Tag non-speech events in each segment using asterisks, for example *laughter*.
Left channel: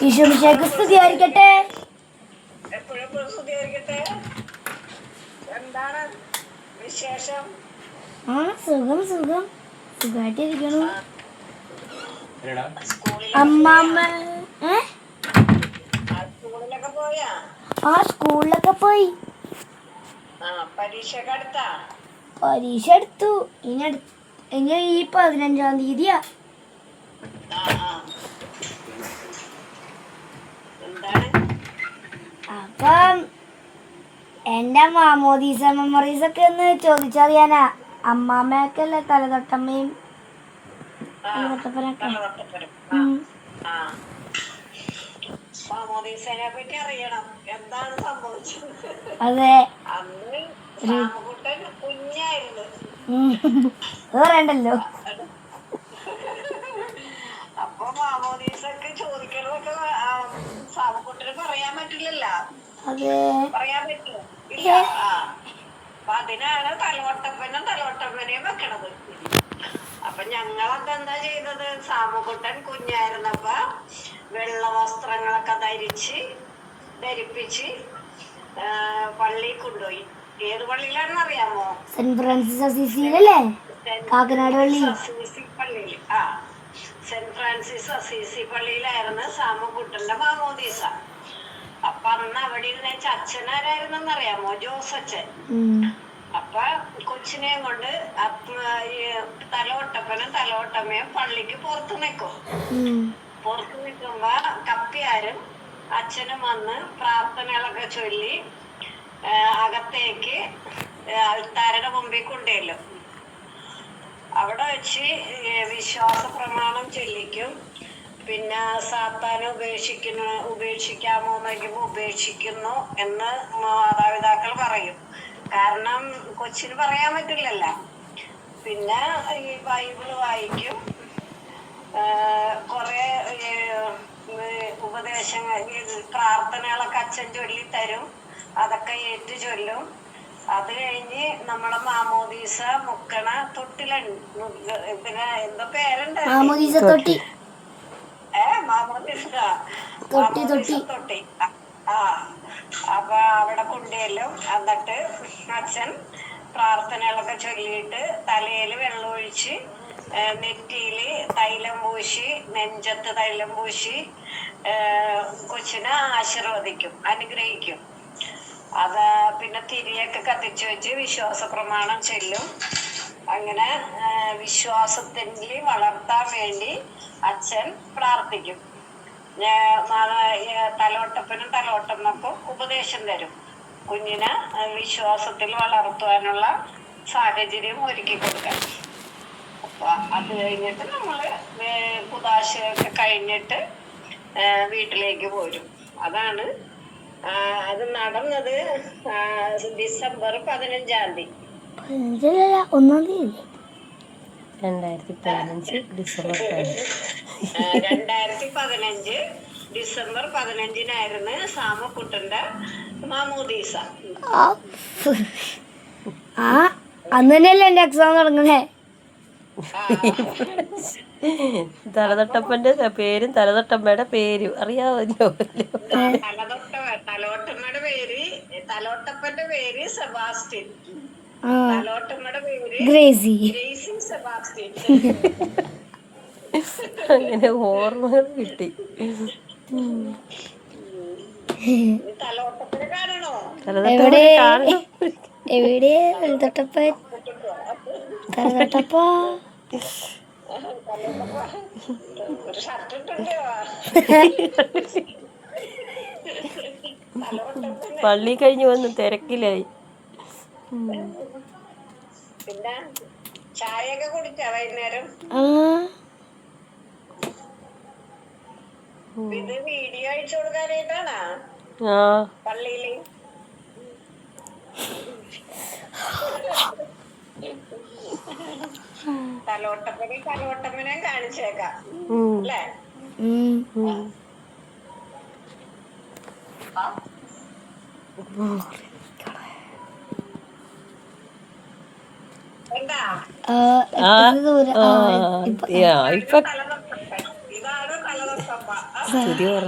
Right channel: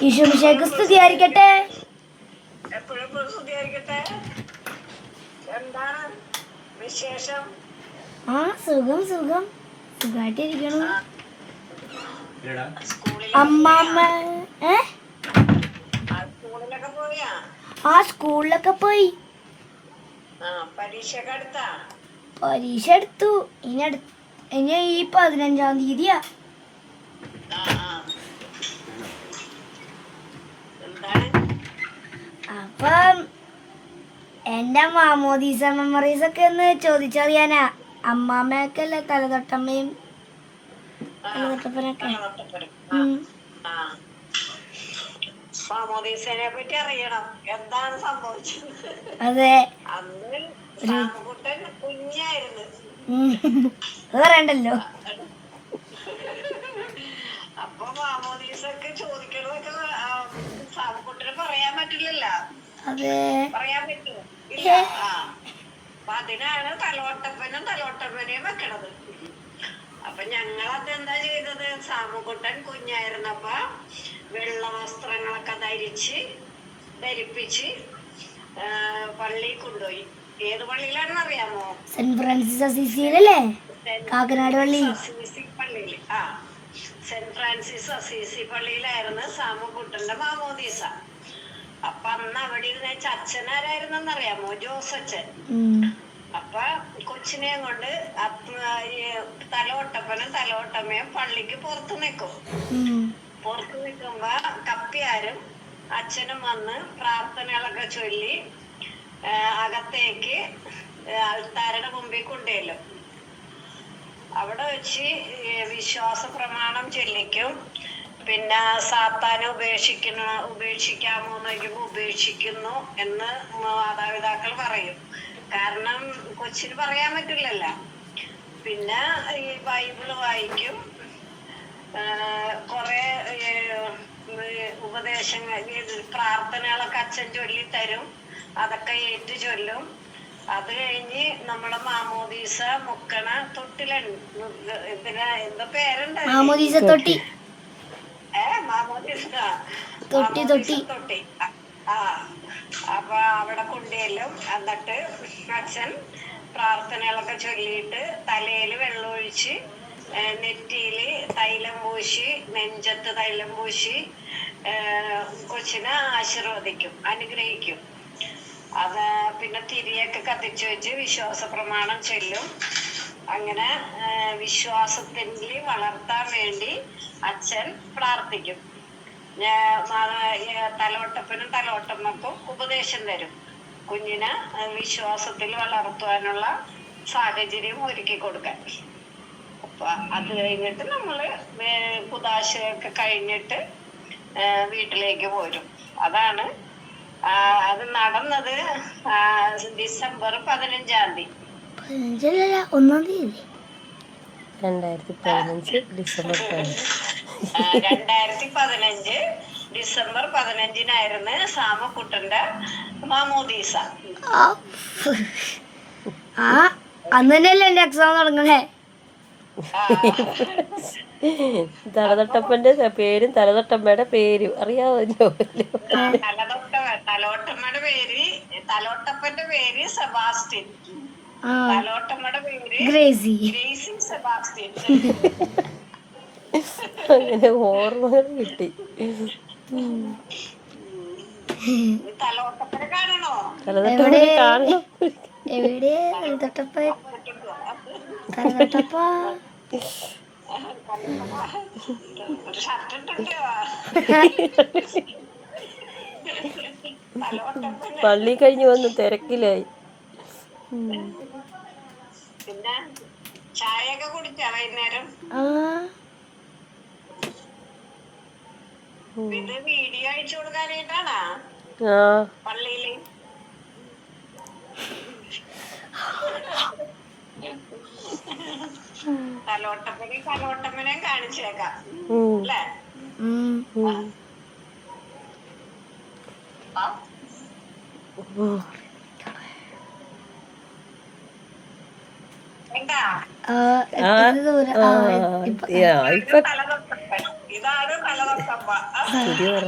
ഈശോമിശേക്ക് സ്തുതിയായിരിക്കട്ടെ. എപ്പോഴും സ്തുതിയായിരിക്കട്ടെ. എന്താണ് വിശേഷം? ആ സുഖം സുഖം. സുഖമായിട്ടിരിക്കണു അമ്മാമ്മ ഏ? ആ, സ്കൂളിലൊക്കെ പോയാ? പരീക്ഷ എടുത്തു. ഇനി ഇനി ഈ പതിനഞ്ചാം തീയതിയാ. അപ്പം എന്റെ മാമോദീസ മെമ്മറീസ് ഒക്കെ ഒന്ന് ചോദിച്ചറിയാനാ. അമ്മാമ്മയൊക്കെയല്ലേ തലതൊട്ടമ്മയും തലതൊട്ടപ്പനൊക്കെ? മാമോദീസനെ പറ്റി അറിയണം. എന്താണ് സംഭവിച്ചത്? അതെ. അന്ന് കുഞ്ഞായിരുന്നു. പറയണ്ടല്ലോ. പറയാൻ പറ്റില്ലല്ല. അതെ. പറയാൻ പറ്റുമോ ഇല്ല. അപ്പൊ അതിനാണ് തലവട്ടപ്പനും തലവട്ടപ്പനെയും വെക്കണത്. അപ്പൊ ഞങ്ങൾ അതെന്താ ചെയ്തത്? സാമുകുട്ടൻ കുഞ്ഞായിരുന്നപ്പ വെള്ള വസ്ത്രങ്ങളൊക്കെ ധരിച്ച് ധരിപ്പിച്ച് പള്ളി പള്ളിയിൽ കൊണ്ടുപോയി. ഏത് പള്ളിയിലാണെന്ന് അറിയാമോ സെന്റ് ഫ്രാൻസിസ് അസീസിയിലല്ലേ? കാക്കനാട് പള്ളി? പള്ളിയിൽ. ആ. സെന്റ് ഫ്രാൻസിസ് അസീസി പള്ളിയിലായിരുന്നു സാമുക്കുട്ടന്റെ മാമോദീസ. അപ്പൊ അന്ന് അവിടെ ഇരുന്ന അച്ഛനാരായിരുന്നെന്ന് അറിയാമോ ജോസച്ചൻ. അപ്പൊ കൊച്ചിനെയും കൊണ്ട് തലവട്ടപ്പനും തലവട്ടമ്മയും പള്ളിക്ക് പുറത്തു നിൽക്കും പുറത്തു നിൽക്കുമ്പോ കപ്പിയാരും അച്ഛനും വന്ന് പ്രാർത്ഥനകളൊക്കെ ചൊല്ലി അകത്തേക്ക് അൾത്താരുടെ മുമ്പിൽ കൊണ്ടുവരും. അവിടെ വെച്ച് വിശ്വാസ പ്രമാണം ചൊല്ലിക്കും. പിന്നെ സാത്താനെ ഉപേക്ഷിക്കുന്ന ഉപേക്ഷിക്കാമോ എന്ന് ഉപേക്ഷിക്കുന്നു എന്ന് മാതാപിതാക്കൾ പറയും. കാരണം കൊച്ചിന് പറയാൻ പറ്റില്ലല്ല. പിന്നെ ഈ ബൈബിൾ വായിക്കും. കുറെ ഉപദേശങ്ങൾ പ്രാർത്ഥനകളൊക്കെ അച്ഛൻ ചൊല്ലി തരും അതൊക്കെ ഏറ്റു ചൊല്ലും അത് കഴിഞ്ഞ് നമ്മളെ മാമോദീസ മുക്കണ തൊട്ടില പിന്നെ എന്തോ പേരുണ്ട്. മാമോദീസ തൊട്ടി. ഏ മാമോദീസ. തൊട്ടി, തൊട്ടി. മാമോദീസ തൊട്ടി. ആ, അപ്പൊ അവിടെ കൊണ്ടുചെല്ലും എന്നിട്ട് അച്ഛൻ പ്രാർത്ഥനകളൊക്കെ ചൊല്ലിയിട്ട് തലയിൽ വെള്ളമൊഴിച്ച് ഏ, നെറ്റിയിൽ തൈലം പൂശി നെഞ്ചത്ത് തൈലം പൂശി കൊച്ചിനെ ആശീർവദിക്കും അനുഗ്രഹിക്കും. അത് പിന്നെ തിരിയൊക്കെ കത്തിച്ചു വെച്ച് വിശ്വാസ പ്രമാണം ചെല്ലും. അങ്ങനെ വിശ്വാസത്തിന്റെ വളർത്താൻ വേണ്ടി അച്ഛൻ പ്രാർത്ഥിക്കും. തലോട്ടപ്പനും തലോട്ടമ്മക്കും ഉപദേശം തരും. കുഞ്ഞിന് വിശ്വാസത്തിൽ വളർത്തുവാനുള്ള സാഹചര്യം ഒരുക്കി കൊടുക്കാൻ. അപ്പൊ അത് കഴിഞ്ഞിട്ട് നമ്മൾ കുതാശയൊക്കെ കഴിഞ്ഞിട്ട് വീട്ടിലേക്ക് പോരും. അതാണ് അത് നടന്നത് ആ, ഡിസംബർ പതിനഞ്ചാം തീയതി. പതിനഞ്ചല്ല ഒന്നാം തീയതി. രണ്ടായിരത്തി പതിനഞ്ച് ഡിസംബർ രണ്ടായിരത്തി പതിനഞ്ച് ഡിസംബർ പതിനഞ്ചിനായിരുന്നു സാമക്കുട്ടന്റെ മാമോദീസ. ആ ആ, അന്ന് എക്സാം തുടങ്ങണേ തലതട്ടപ്പന്റെ പേരും തലതൊട്ടമ്മയുടെ പേരും. അറിയാമല്ലോ തലോട്ടമ്മയുടെ പേര് തലോട്ടപ്പന്റെ പേര് സെബാസ്റ്റ്യൻ. തലോട്ടമ്മയുടെ പേര് ഗ്രേസി. Gracy Sebastian. അങ്ങനെ ഓർമ്മകൾ കിട്ടി. എവിടെ? തലതൊട്ടപ്പ തലതൊട്ടപ്പ ഒരു ഷർട്ട് ഇട്ടുണ്ട് തലോട്ടപ്പൻ *laughs* പള്ളി കഴിഞ്ഞ് വന്ന് തിരക്കിലായി. ആ. തലോട്ടപ്പനെ തലോട്ടപ്പനെ കാണിച്ചേക്കാം. ഉം, അല്ലേ? ഇപ്പൊ ആ, ഇപ്പൊ തലതൊട്ടപ്പൻ ഇതാണ് സ്തുതി പറ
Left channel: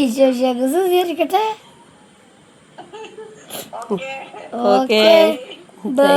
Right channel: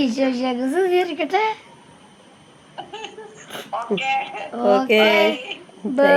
ഈശോ ശേഖ സ്വീകരിക്കട്ടെ ഓക്കെ. ബൈ